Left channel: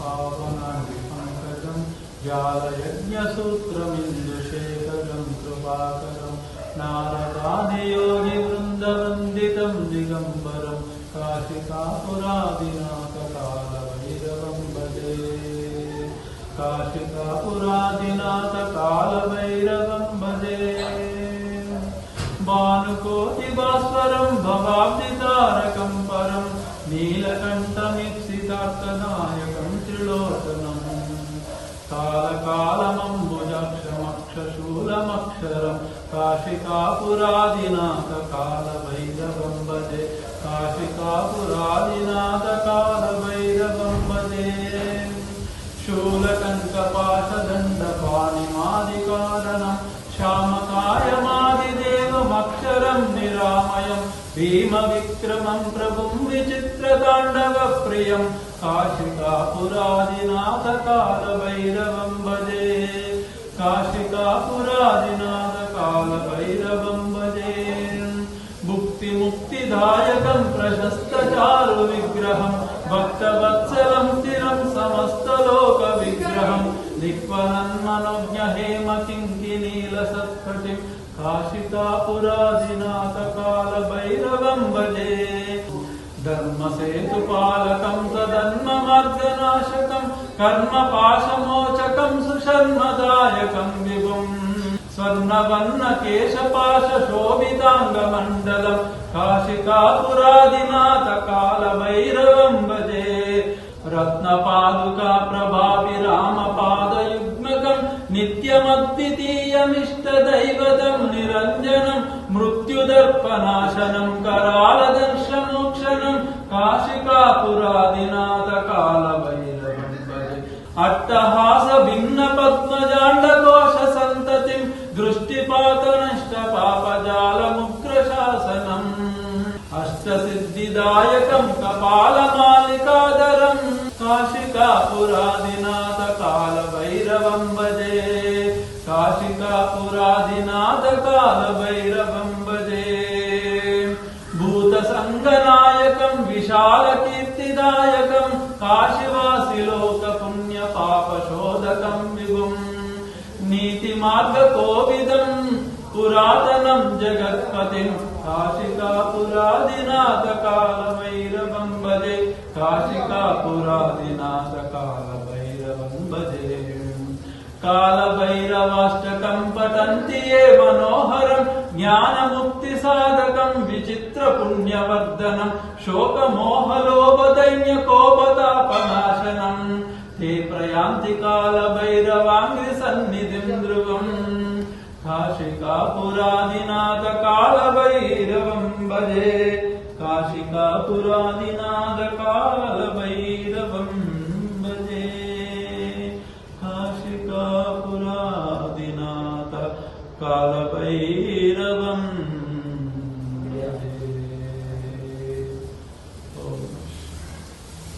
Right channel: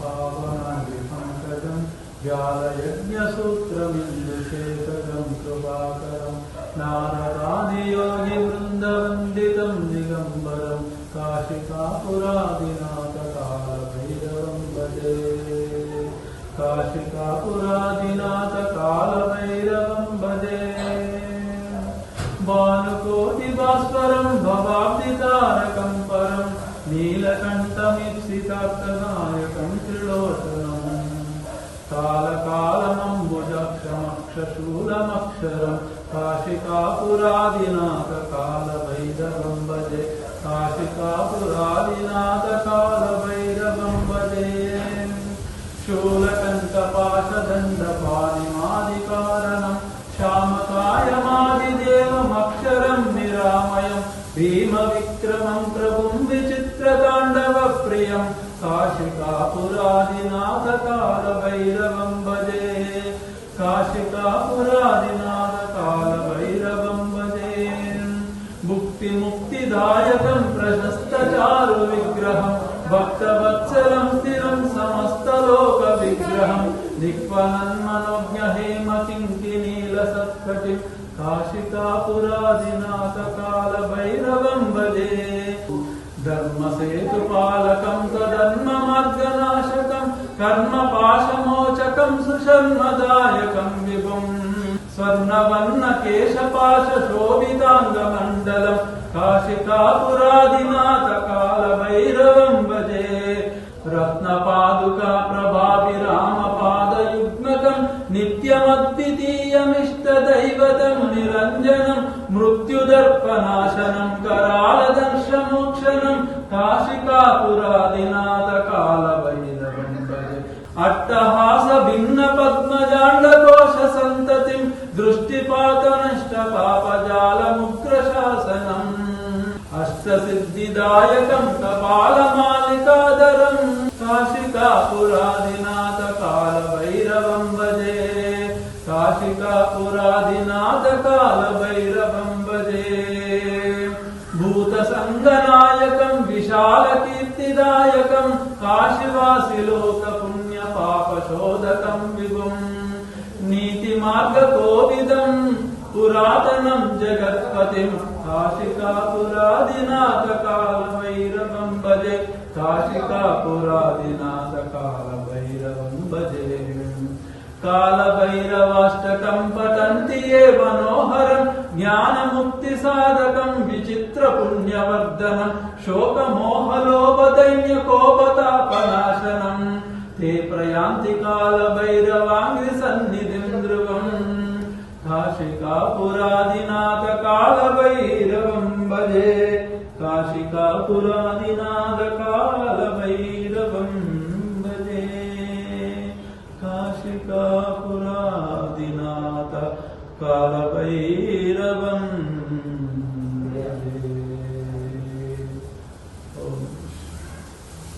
पावनाङ्गिपङ्कजं ज्ञानयज्ञसूत्रमिन्दुशेखरं कृपाकरं नारदादियोगिवृन्दवन्दितं दिगम्बरं काशिकापुरादिनाथकालभैरवं भजे काशिकापुरादिनाथकालभैरवं भजे भानुकोटिभास्वरं भवाब्धितारकं परं नीलकण्ठमीप्सितार्कनायकं त्रिलोचनं कालकालमम्बुजाक्षमक्षशूलमक्षरं काशिकापुरादिनाथकालभैरवं भजे काशिकापुरादिनाथकालभैरवं भजे शूलकण्ठपाशदण्डपाणिमादिकारणं श्यामकायमादिदेवमक्षरं निरामयं भीमविक्रमं प्रभुं विचित्रताण्डवप्रियं काशिकापुरादिनाथकालभैरवं भजे काशिकापुरादिनाथकालभैरवं भजे भुक्तिमुक्तिदायकं प्रशस्तचारुविग्रहं भक्तवत्सलं स्थिरं समस्तलोकविग्रहं दिक्वलन्मनोज्ञहेमकिङ्किनीलसत्कटिं काशिकापुरादिनाथकालभैरवं भजे धर्मसेतुपालकं सधर्ममार्गनाशकं कर्मपाशमोचकं सुशर्मदायकं विभुं स्वर्णवर्णकेशपाशशोभिताङ्गमण्डलं काशिकापुरादिनाथकालभैरवं भजे रत्नपादुका प्रभाभिरामपादयुग्मकं नित्यमद्वितीयमिष्टदैवतं निरञ्जनं मृत्युदर्पनाशनं करालदंशमोक्षणं काशिकापुरादिनाथकालभैरवं भजे अट्टहासभिन्नपद्मजाण्डकोशसन्ततिं दृष्टिपातनष्टपापजालमुग्रशासनम् अष्टसिद्धिदायकं कपालमालिकाधरं काशिकापुरादिनाथकालभैरवं भजे काशिकापुरादिनाथकालभैरवं भजे भूतसङ्गनायकं विशालकीर्तिदायकं काशीवासिलोकपुण्यपापशोधकं विभुं नीतिमार्गकोविदं पुरातनं जगत्पतिं काशिकापुरादिनाथकालभैरवं भजे काशिकापुरादिनाथकालभैरवं भजे कालभैरवाष्टकं पठन्ति ये मनोहरं ज्ञानमुक्तिसाधकं विचित्रपुण्यवर्धनं शोकमोहलोभदैन्यकोपतापनाशनं ते प्रयान्ति कालभैरवाङ्घ्रिसन्निधिं ध्रुवम् काशिकापुरादिनाथकालभैरवं भजे काशिकापुरादिनाथकालभैरवं भजे काशिकापुरादिनाथकालभैरवं